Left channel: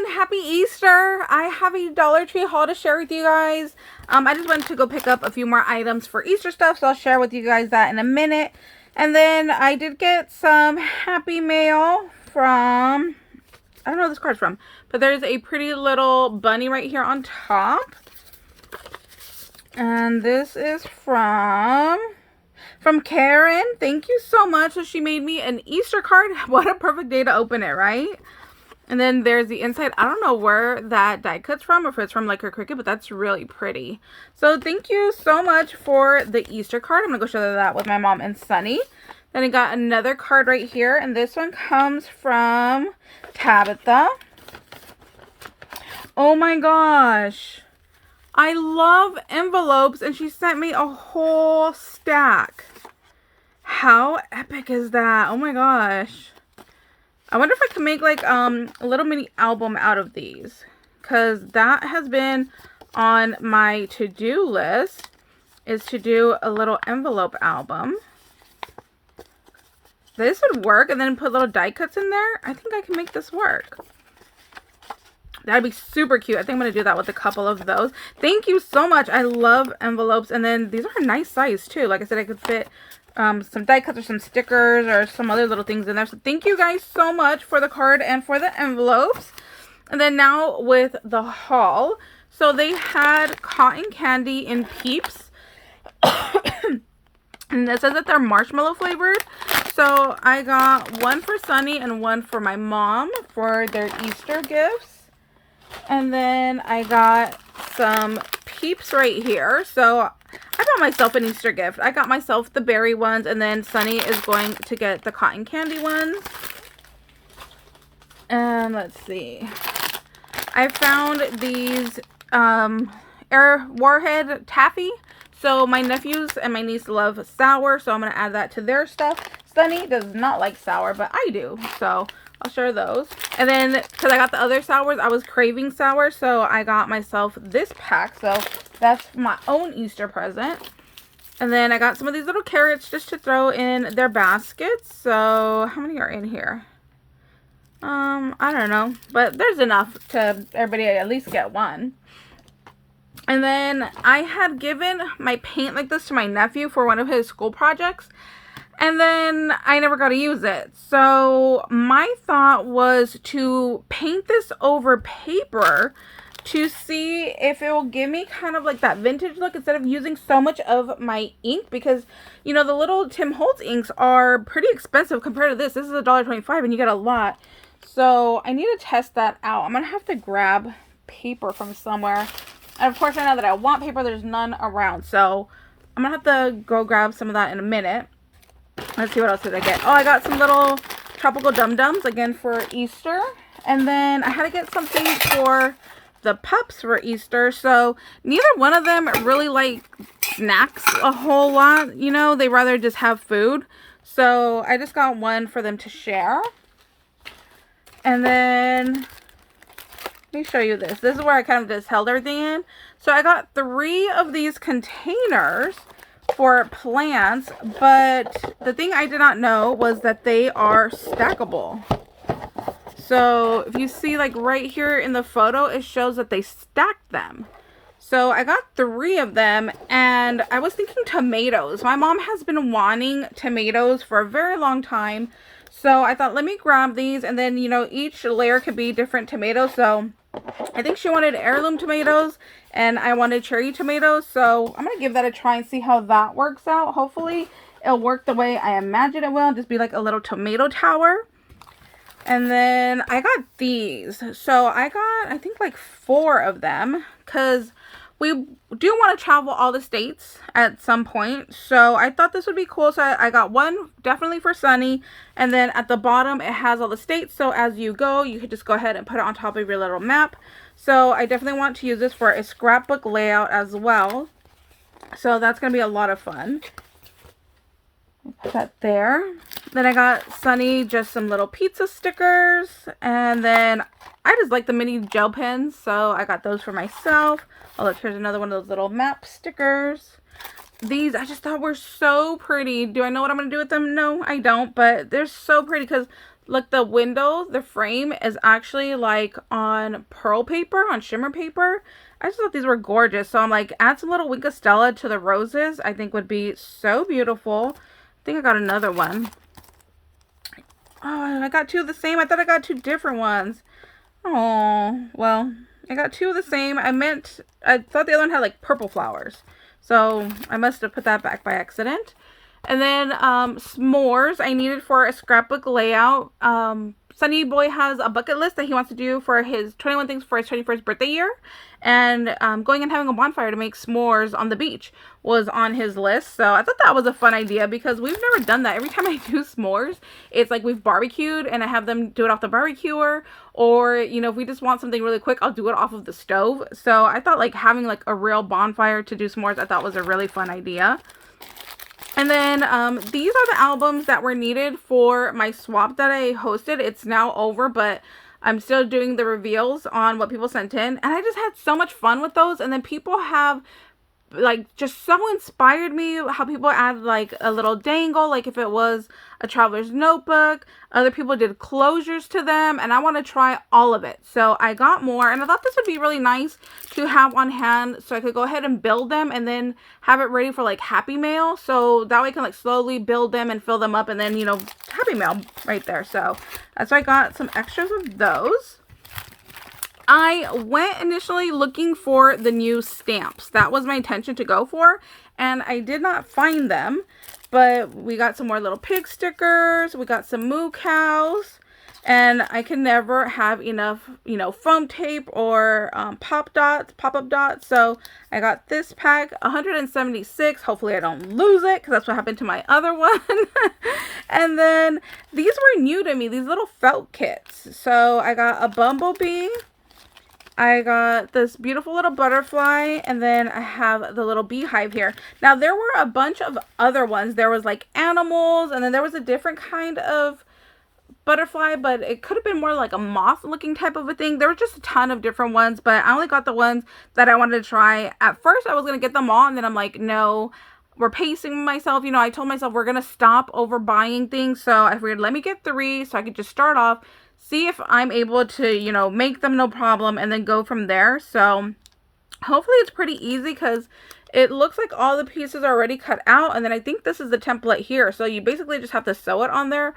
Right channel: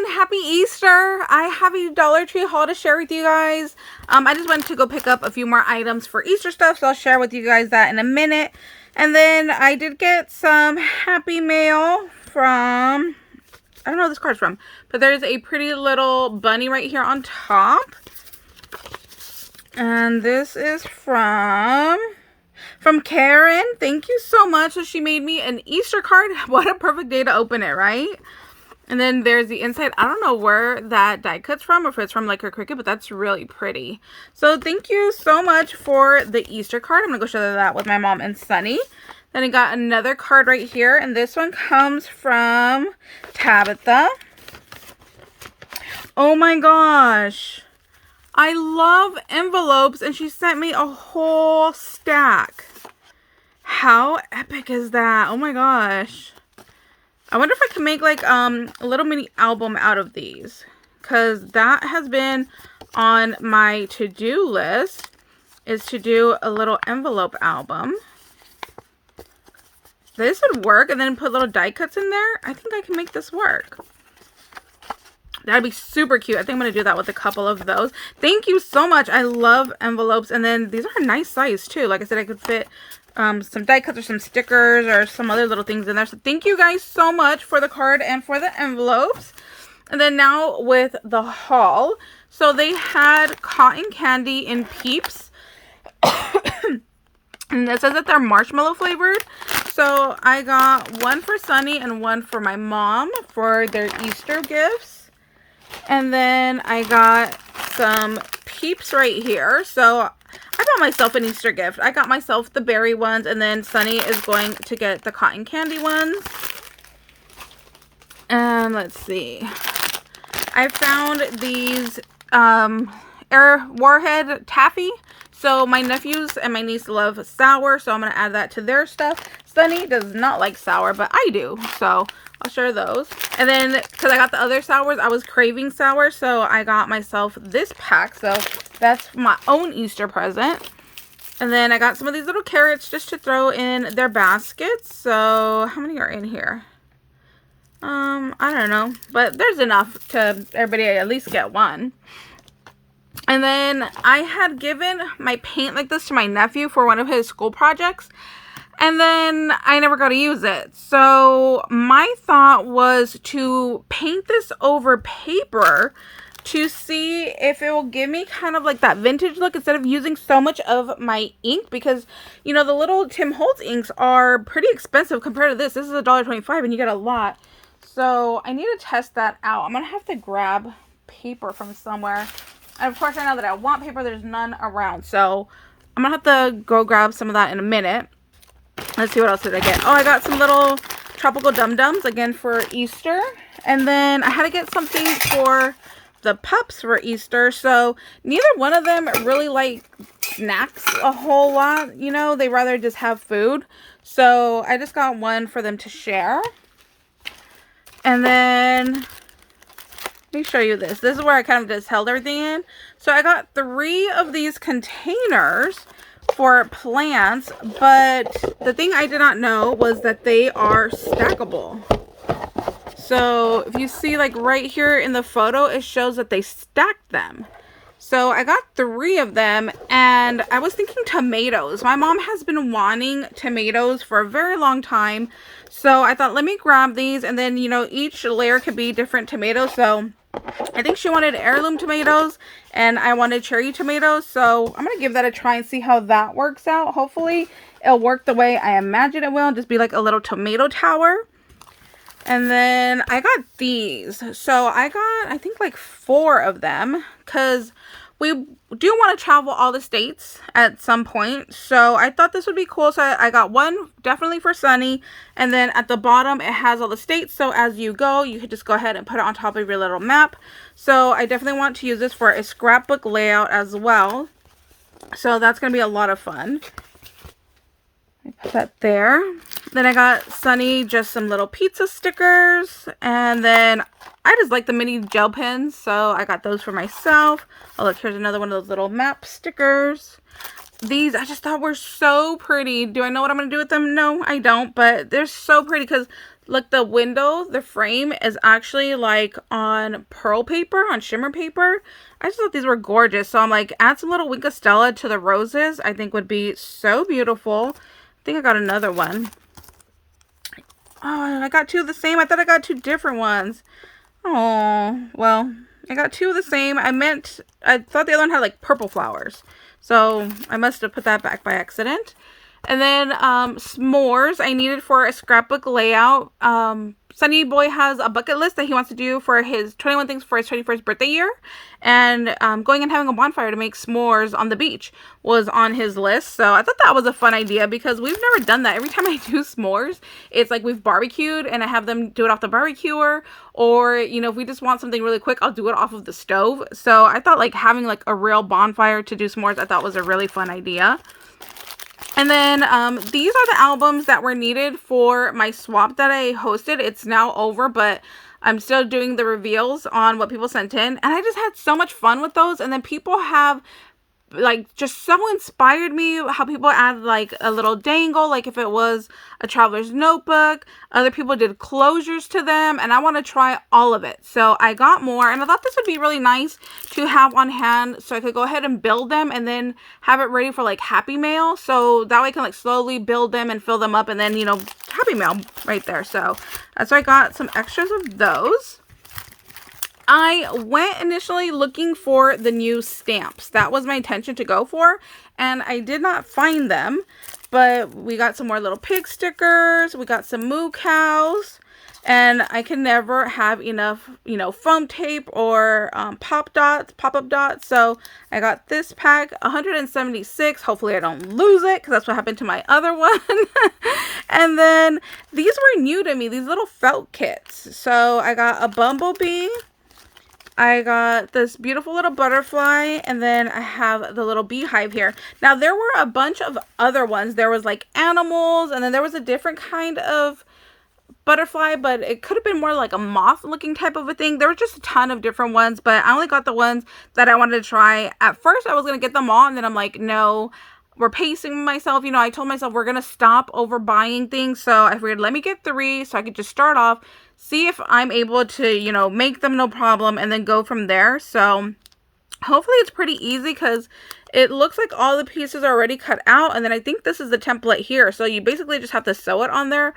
everyone, happy Easter. I have a Dollar Tree haul to share with you guys. I just went to go pick up a few more items for Easter stuff, so I'll share with you guys that in a minute. And then I did get some happy mail from, I don't know who this card's from, but there's a pretty little bunny right here on top. And this is from Karen. Thank you so much. So she made me an Easter card. What a perfect day to open it, right? And then there's the inside. I don't know where that die cut's from, or if it's from like her Cricut, but that's really pretty. So thank you so much for the Easter card. I'm gonna go share that with my mom and Sunny. Then I got another card right here, and this one comes from Tabitha. Oh my gosh. I love envelopes, and she sent me a whole stack. How epic is that? Oh my gosh. I wonder if I can make like a little mini album out of these, because that has been on my to-do list, is to do a little envelope album. This would work, and then put little die cuts in there. I think I can make this work. That'd be super cute. I think I'm going to do that with a couple of those. Thank you so much. I love envelopes, and then these are a nice size too. Like I said, I could fit some die cuts or some stickers or some other little things in there. So thank you guys so much for the card and for the envelopes. And then now with the haul. So they had cotton candy in Peeps. And it says that they're marshmallow flavored. So I got one for Sunny and one for my mom for their Easter gifts. And then I got some Peeps right here. So I got myself an Easter gift. I got myself the berry ones, and then Sunny is going to get the cotton candy ones. And let's see. I found these Air Warhead Taffy. So my nephews and my niece love sour, so I'm going to add that to their stuff. Sunny does not like sour, but I do. So I'll share those. And then, because I got the other sours, I was craving sour, so I got myself this pack. So that's my own Easter present. And then I got some of these little carrots just to throw in their baskets. So how many are in here? I don't know, but there's enough to everybody at least get one. And then I had given my paint like this to my nephew for one of his school projects. And then I never got to use it. So my thought was to paint this over paper to see if it will give me kind of like that vintage look instead of using so much of my ink, because you know the little Tim Holtz inks are pretty expensive compared to this. This is $1.25 and you get a lot. So I need to test that out. I'm going to have to grab paper from somewhere. And of course, right now that I want paper, there's none around. So I'm going to have to go grab some of that in a minute. Let's see what else did I get. Oh, I got some little tropical dum-dums again for Easter. And then I had to get something for the pups for Easter. So neither one of them really like snacks a whole lot. You know, they rather just have food. So I just got one for them to share. And then let me show you this. This is where I kind of just held everything in. So I got 3 of these containers for plants, but the thing I did not know was that they are stackable. So if you see like right here in the photo, it shows that they stacked them. So I got 3 of them, and I was thinking tomatoes. My mom has been wanting tomatoes for a very long time. So I thought, let me grab these, and then, you know, each layer could be different tomatoes. So I think she wanted heirloom tomatoes, and I wanted cherry tomatoes. So I'm going to give that a try and see how that works out. Hopefully it'll work the way I imagine it will, just be like a little tomato tower. And then I got these. So I got, I think, like 4 of them, because we do want to travel all the states at some point. So I thought this would be cool. So I got one definitely for Sunny. And then at the bottom, it has all the states. So as you go, you could just go ahead and put it on top of your little map. So I definitely want to use this for a scrapbook layout as well. So that's going to be a lot of fun. Put that there. Then I got Sunny just some little pizza stickers. And then I just like the mini gel pens. So I got those for myself. Oh, look, here's another one of those little map stickers. These I just thought were so pretty. Do I know what I'm going to do with them? No, I don't. But they're so pretty because Look, the window, the frame is actually like on pearl paper, on shimmer paper. I just thought these were gorgeous. So I'm like, add some little Wink Stella to the roses. I think would be so beautiful. I think I got another one. Oh, I got two of the same. I thought I got two different ones. Oh, well, I got two of the same. I thought the other one had like purple flowers. So I must have put that back by accident. And then s'mores I needed for a scrapbook layout. Sunny Boy has a bucket list that he wants to do for his 21 things for his 21st birthday year. And going and having a bonfire to make s'mores on the beach was on his list. So I thought that was a fun idea because we've never done that. Every time I do s'mores, it's like we've barbecued and I have them do it off the barbecuer. Or, you know, if we just want something really quick, I'll do it off of the stove. So I thought like having like a real bonfire to do s'mores, I thought was a really fun idea. And then these are the albums that were needed for my swap that I hosted. It's now over, but I'm still doing the reveals on what people sent in. And I just had so much fun with those. And then people have like just so inspired me how people add like a little dangle, like if it was a traveler's notebook. Other people did closures to them, and I want to try all of it. So I got more, and I thought this would be really nice to have on hand so I could go ahead and build them and then have it ready for like Happy Mail. So that way I can like slowly build them and fill them up, and then, you know, Happy Mail right there. So that's why I got some extras of those. I went initially looking for the new stamps. That was my intention to go for, and I did not find them, but we got some more little pig stickers. We got some moo cows, and I can never have enough, you know, foam tape or pop-up dots. So I got this pack, 176. Hopefully I don't lose it because that's what happened to my other one. And then these were new to me, these little felt kits. So I got a bumblebee. I got this beautiful little butterfly, and then I have the little beehive here. Now, there were a bunch of other ones. There was like animals, and then there was a different kind of butterfly, but it could have been more like a moth looking type of a thing. There were just a ton of different ones, but I only got the ones that I wanted to try. At first, I was going to get them all, and then I'm like, no, we're pacing myself. You know, I told myself we're going to stop overbuying things, so I figured let me get 3 so I could just start off, see if I'm able to, you know, make them no problem, and then go from there. So hopefully it's pretty easy because it looks like all the pieces are already cut out, and then I think this is the template here. So you basically just have to sew it on there.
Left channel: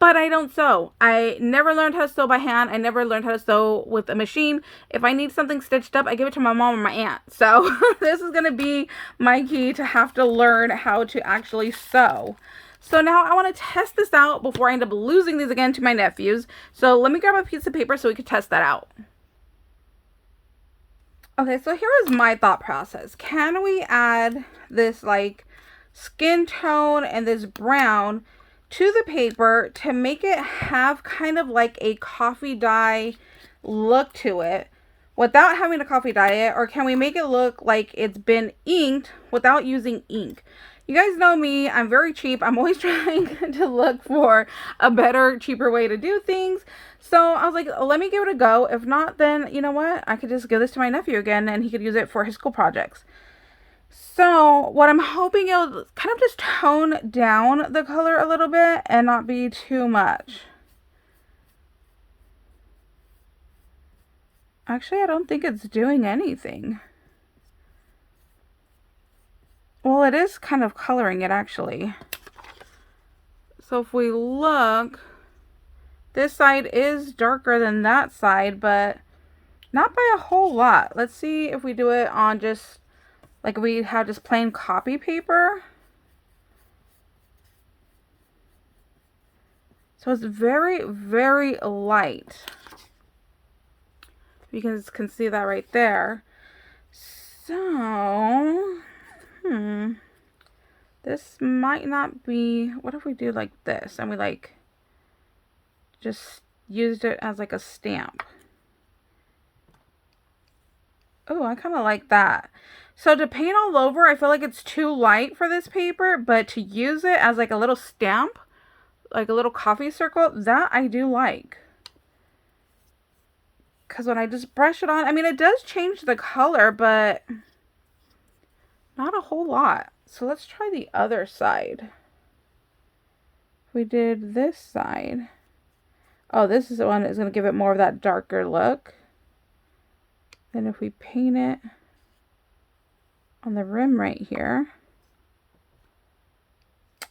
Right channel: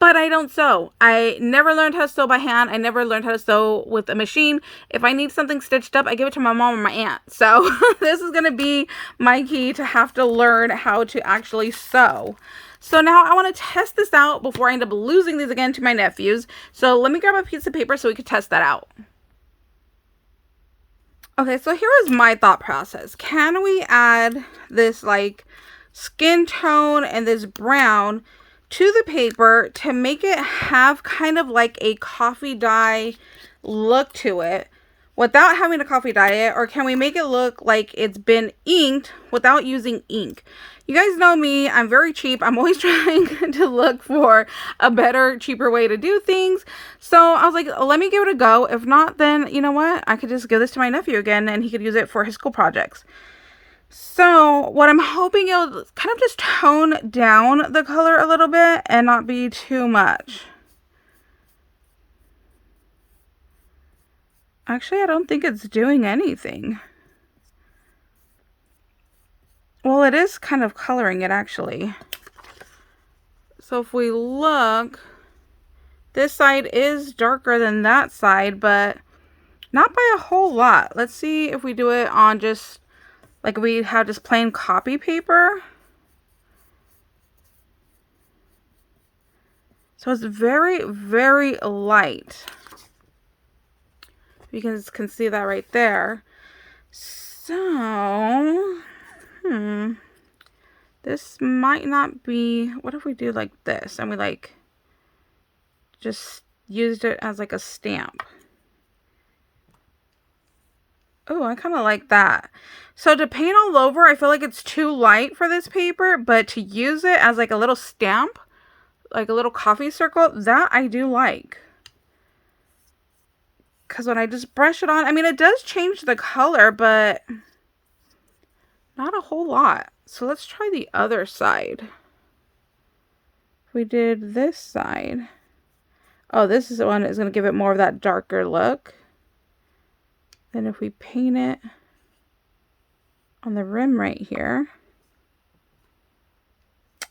But I don't sew. I never learned how to sew by hand. I never learned how to sew with a machine. If I need something stitched up, I give it to my mom or my aunt. So this is going to be my key to have to learn how to actually sew. So now I want to test this out before I end up losing these again to my nephews. So let me grab a piece of paper so we can test that out. Okay, so here is my thought process. Can we add this like skin tone and this brown to the paper to make it have kind of like a coffee dye look to it without having to coffee dye it? Or can we make it look like it's been inked without using ink? You guys know me, I'm very cheap. I'm always trying to look for a better, cheaper way to do things. So I was like, let me give it a go. If not, then you know what? I could just give this to my nephew again and he could use it for his school projects. So what I'm hoping it'll kind of just tone down the color a little bit and not be too much. Actually, I don't think it's doing anything. Well, it is kind of coloring it actually. So if we look, this side is darker than that side, but not by a whole lot. Let's see if we do it on just like we have just plain copy paper. So it's very, very light. You guys can see that right there. So, this might not be, what if we do like this and we like just used it as like a stamp? Oh, I kind of like that. So to paint all over, I feel like it's too light for this paper, but to use it as like a little stamp, like a little coffee circle, that I do like. Because when I just brush it on, I mean, it does change the color, but not a whole lot. So let's try the other side. We did this side. Oh, this is the one that's going to give it more of that darker look. Then if we paint it on the rim right here.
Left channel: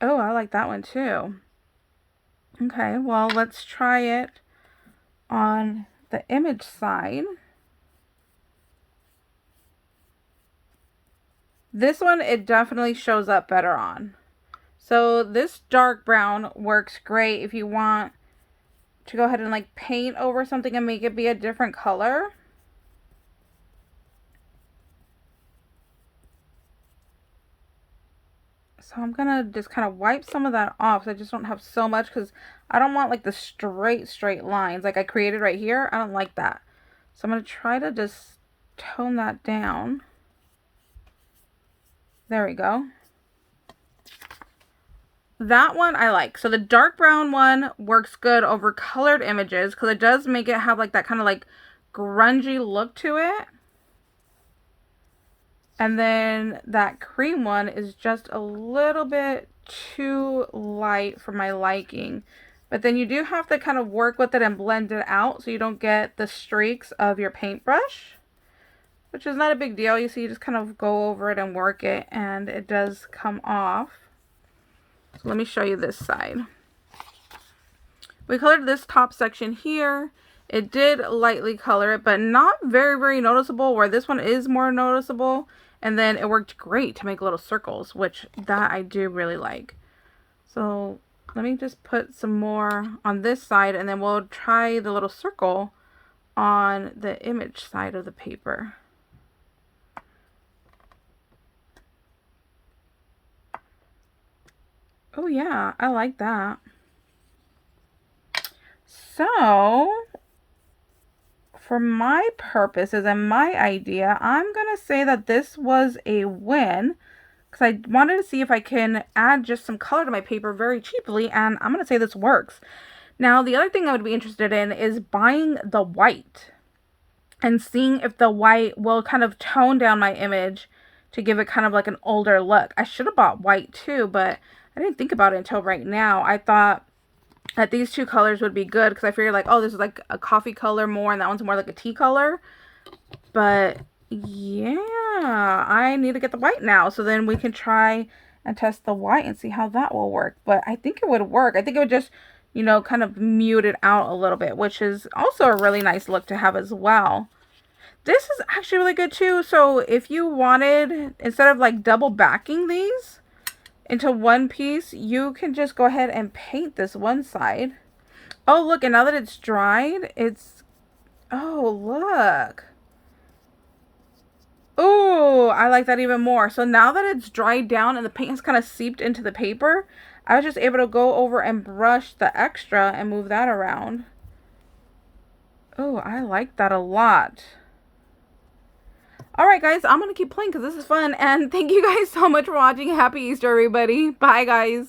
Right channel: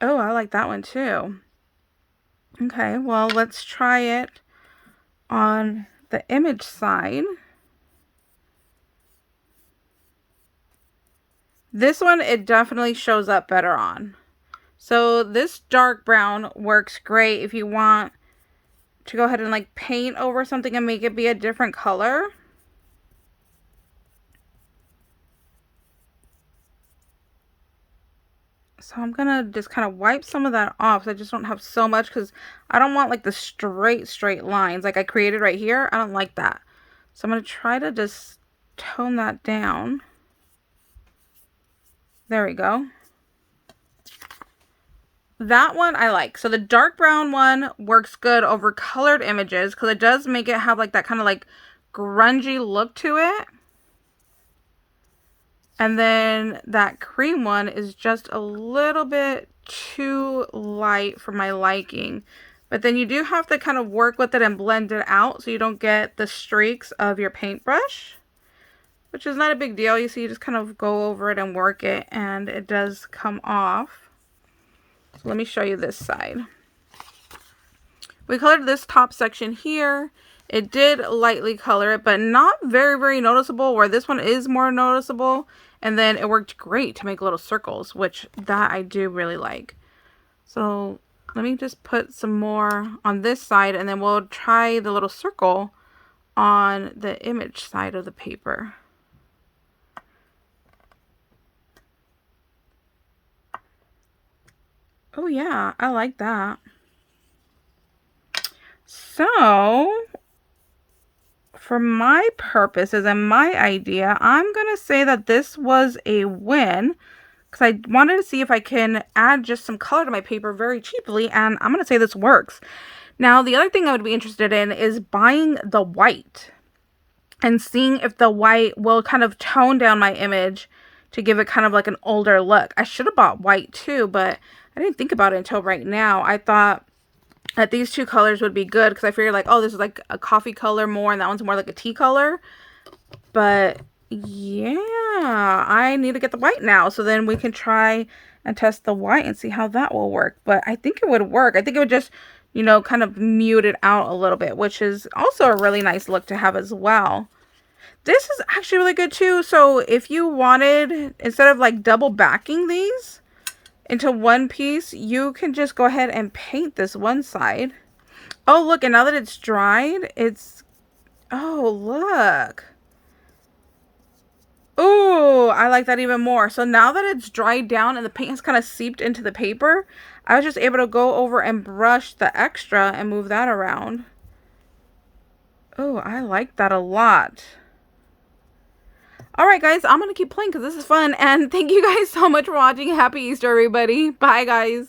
Oh, I like that one too. Okay, well, let's try it on the image side. This one, it definitely shows up better on. So this dark brown works great if you want to go ahead and like paint over something and make it be a different color. So I'm gonna just kind of wipe some of that off. So I just don't have so much, because I don't want like the straight lines like I created right here. I don't like that. So I'm gonna try to just tone that down. There we go. That one I like. So the dark brown one works good over colored images, because it does make it have like that kind of like grungy look to it. And then that cream one is just a little bit too light for my liking. But then you do have to kind of work with it and blend it out so you don't get the streaks of your paintbrush, which is not a big deal. You see, you just kind of go over it and work it, and it does come off. So let me show you this side. We colored this top section here. It did lightly color it, but not very noticeable, where this one is more noticeable. And then it worked great to make little circles, which that I do really like. So let me just put some more on this side, and then we'll try the little circle on the image side of the paper. Oh yeah, I like that. So for my purposes and my idea, I'm going to say that this was a win, because I wanted to see if I can add just some color to my paper very cheaply, and I'm going to say this works. Now, the other thing I would be interested in is buying the white and seeing if the white will kind of tone down my image to give it kind of like an older look. I should have bought white too, but I didn't think about it until right now. I thought that these two colors would be good, because I figured like, oh, this is like a coffee color more, and that one's more like a tea color. But yeah, I need to get the white now, so then we can try and test the white and see how that will work. But I think it would work. I think it would just, you know, kind of mute it out a little bit, which is also a really nice look to have as well. This is actually really good too. So if you wanted, instead of like double backing these into one piece, you can just go ahead and paint this one side. Oh, look, and now that it's dried, it's, oh, look. Oh, I like that even more. So now that it's dried down and the paint has kind of seeped into the paper, I was just able to go over and brush the extra and move that around. Oh, I like that a lot. Alright guys, I'm going to keep playing because this is fun, and thank you guys so much for watching. Happy Easter, everybody. Bye, guys.